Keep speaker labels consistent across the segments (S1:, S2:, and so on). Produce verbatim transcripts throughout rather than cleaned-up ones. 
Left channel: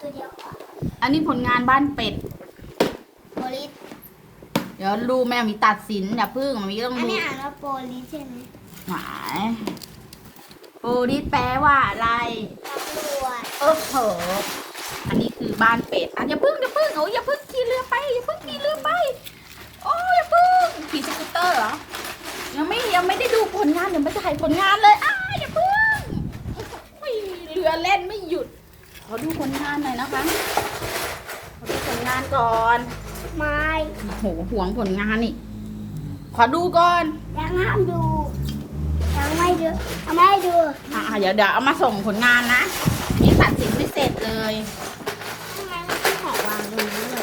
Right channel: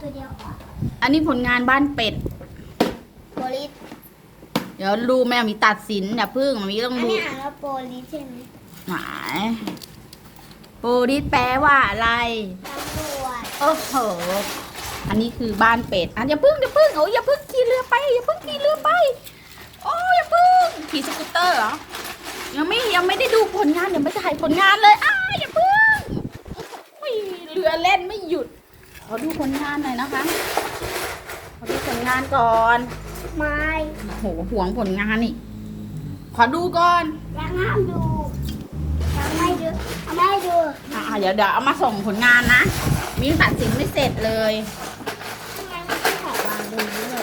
S1: ตัวเดียวก่อน
S2: อันนี้ผลงานบ้านเป็ด
S1: โปลิส
S2: เดี๋ยวดูแม่มีตัดสินอย่าพึ่งมีต้อง
S1: อัน
S2: ดู
S1: นี้อ่านว่าโปลิสใช่ไหม
S2: หมายโปลิสแปลว่าอะไร
S1: ตำรวจ
S2: โอ้โหอันนี้คือบ้านเป็ดอ่ะอย่าพึ่งอย่าพึ่งโอ้ยอย่าพึ่งขี่เรือไปอย่าพึ่งขี่เรือไปโอ้ยอย่าพึ่งขี่สกูตเตอร์เหรอยังไม่ยังไม่ได้ดูผลงานเดี๋ยวไม่ถ่ายผลงานเลยอ้าอย่าพึ่งโอ้ยเรือเล่นไม่หยุดขอดูผลงานหน่อยนะคะขอดูผลงานก่อน
S1: ไม่
S2: โอ้โหห่วงผลงานนี่ขอดูก่อน
S1: ยังห้ามดูยังไม่ดูยังไม่ดู
S2: อ่าเดี๋ยวเดี๋ยวเอามาส่งผลงานนะมีตัดสินไม่เสร็จเลย
S1: ทำไมไม่ใช่ของวางดูด้วย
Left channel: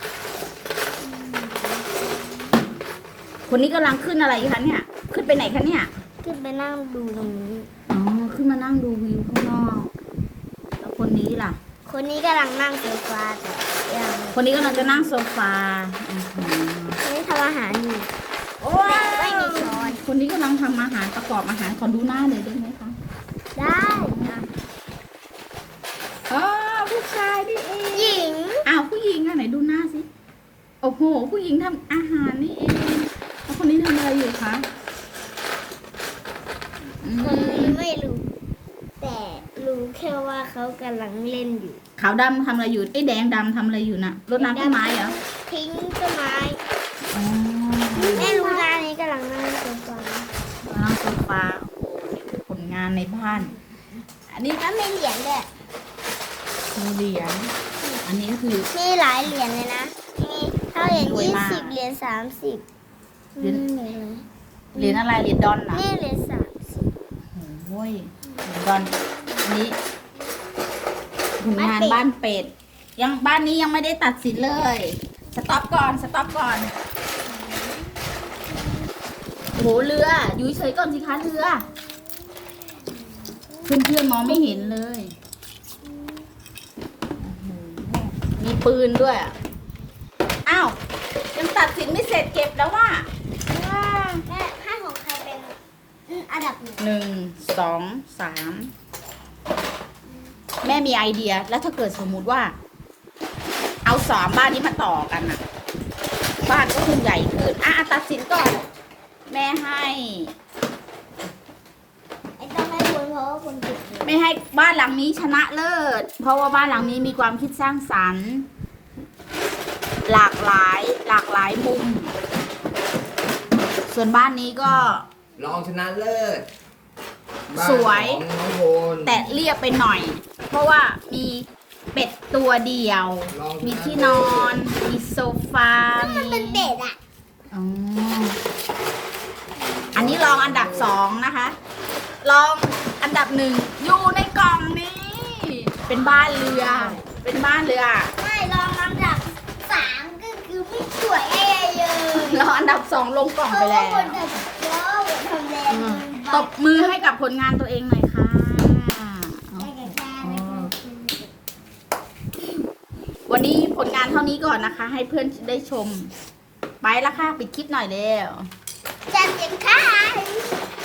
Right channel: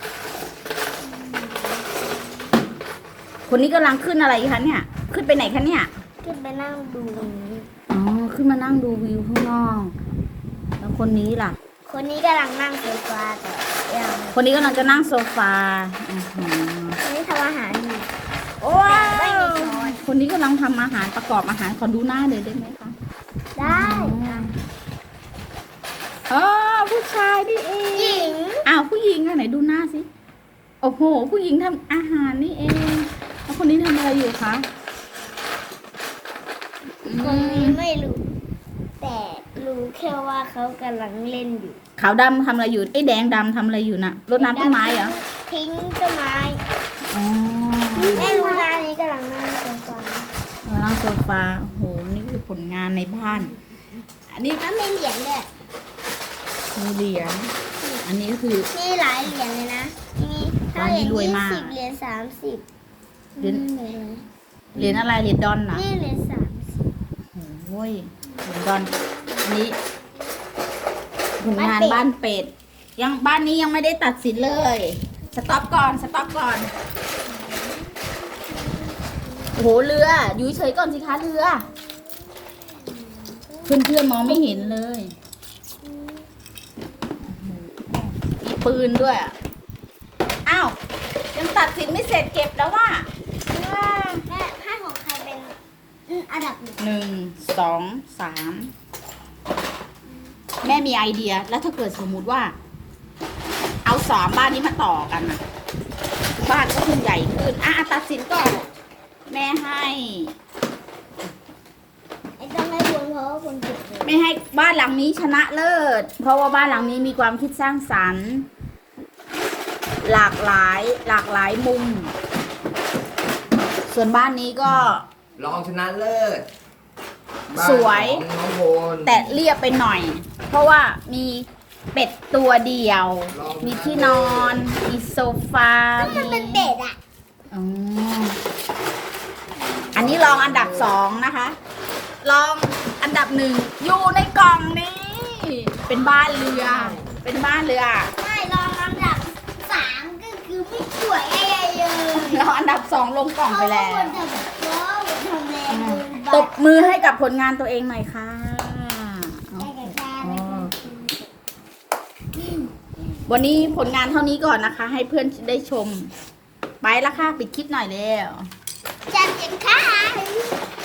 S2: คนนี้กำลังขึ้นอะไรคะเนี่ย ขึ้นไปไหนคะเนี่ย
S1: ขึ้นไปนั่งดูตรงนี้
S2: อ๋อ ขึ้นมานั่งดูวิวข้างนอก แล้วคนนี้ล่ะ
S1: คนนี้กำลังนั่งโซฟาแต่ยัง
S2: คนนี้กำลังจะนั่งโซฟาอือหือ
S1: คนนี้ทำอาหารอยู่
S2: ว้า
S1: ไม่
S2: ว
S1: มีช้อน
S2: คนนี้กำลังทำอาหารประกอบอาหารขอดูหน้าเลยได้ไหมคะ
S1: ได้
S2: อ๋อผู้ชายนี่เอง
S1: หญิง
S2: อ้าวผู้หญิงอะไหนดูหน้าสิ โอ้โห ผู้หญิงทำอาหารนี่เอง แล้วคนนี้ทำอะไรอยู่คะอื
S1: คน
S2: ม
S1: นี้ไม่รู้ แต่รู้แค่ว่าเขากำลังเล่นอยู่
S2: ขาวดำทำอะไรอยู่ไอ้แดงดำทำอะไรอยู่น่ะรดน้ำต้นไม้เหรอ
S1: ทิ้งต้นไม้
S2: อ๋อ
S1: แม่รู้ร้านนี้กำลังนั่งโซฟา
S2: นั่งโซฟาโอ้โห นี่คือผลงานในบ้าน อันนี้
S1: แล้วมีเหรียญด้วย
S2: มีเหรียญ อันนี้คือ
S1: มีหลายเหรียญเลยนะมีเท่าเหรียญ
S2: รวย
S1: ยี่
S2: มาก
S1: สิบเหรียญสามสิบ
S2: เหรียญ
S1: นี่
S2: เหรียญอะไรเหรียญดอนนะ
S1: เหรียญสามสิบ
S2: โอ้ยเหรียญดอน อันนี้ผลงานบ้านเป็ด ยังบ้านนี้ยังไม่ได้ตัดสินเลย สต็อปก่อน สต็อปก่อน โอ้โห เรือ อยู่เฉยก่อนสิคะเรือ เพื่อนๆมองไม่เห็นเลยโอ้โหมีปืนด้วย อ้าว ยังตัดสินไม่เสร็จเก็บแล้วว่า
S1: ว้าแม่ให้ของใครเป็นอันดับหนึ่ง
S2: หนึ่ง สอง สาม แม่มีไอเดีย แล้วถ้าเกิดสมมุติว่า เอาสามบ้านนี้มาต่อกันอะบ้านก็คงใหญ่ขึ้น อ่ะตัดสินก่อน แม่ให้
S1: ไอ้ต้องให้คุณเพราะว่าเป็นเด็กเลย
S2: ไม่ให้บ้านหลังนี้ชนะเลิศ เพราะว่าบ้านหลังนี้มีความคิดสร้างสรรค์ หลากหลาย หลากหลายมุม ส่วนบ้านนี้ก็
S3: รองชนะเลิศ
S2: สวย
S3: บ้านของน้องโบน
S2: แต่เรียบไปหน่อย เพราะว่ามีเป็ดตัวเดียว มีที่นอน มีโซฟา
S1: มันเป็นเด็กอ่ะ
S2: อ๋ออันนี้ลองอันดับสองนะคะ ลองอันดับหนึ่งอยู่ในกล่องนี้ เป็นบ้านเรือ เป็นบ้านเรือ
S1: ไม่ลองอันดับสามก็คือไม่สวยอะไรเลย
S2: ลองอันดับสองลงกล่องไปแล้ว
S1: เพราะว่าคนทำแล้ว
S2: ตบมือให้กับผลงานตัวเองหน่อยค่ะ วันนี้ผลงานเท่านี้ก่อนนะคะ ให้เพื่อนได้ชม ไปแล้วค่ะ ปิดคลิปหน่อยแล้ว
S1: จัดสินค้า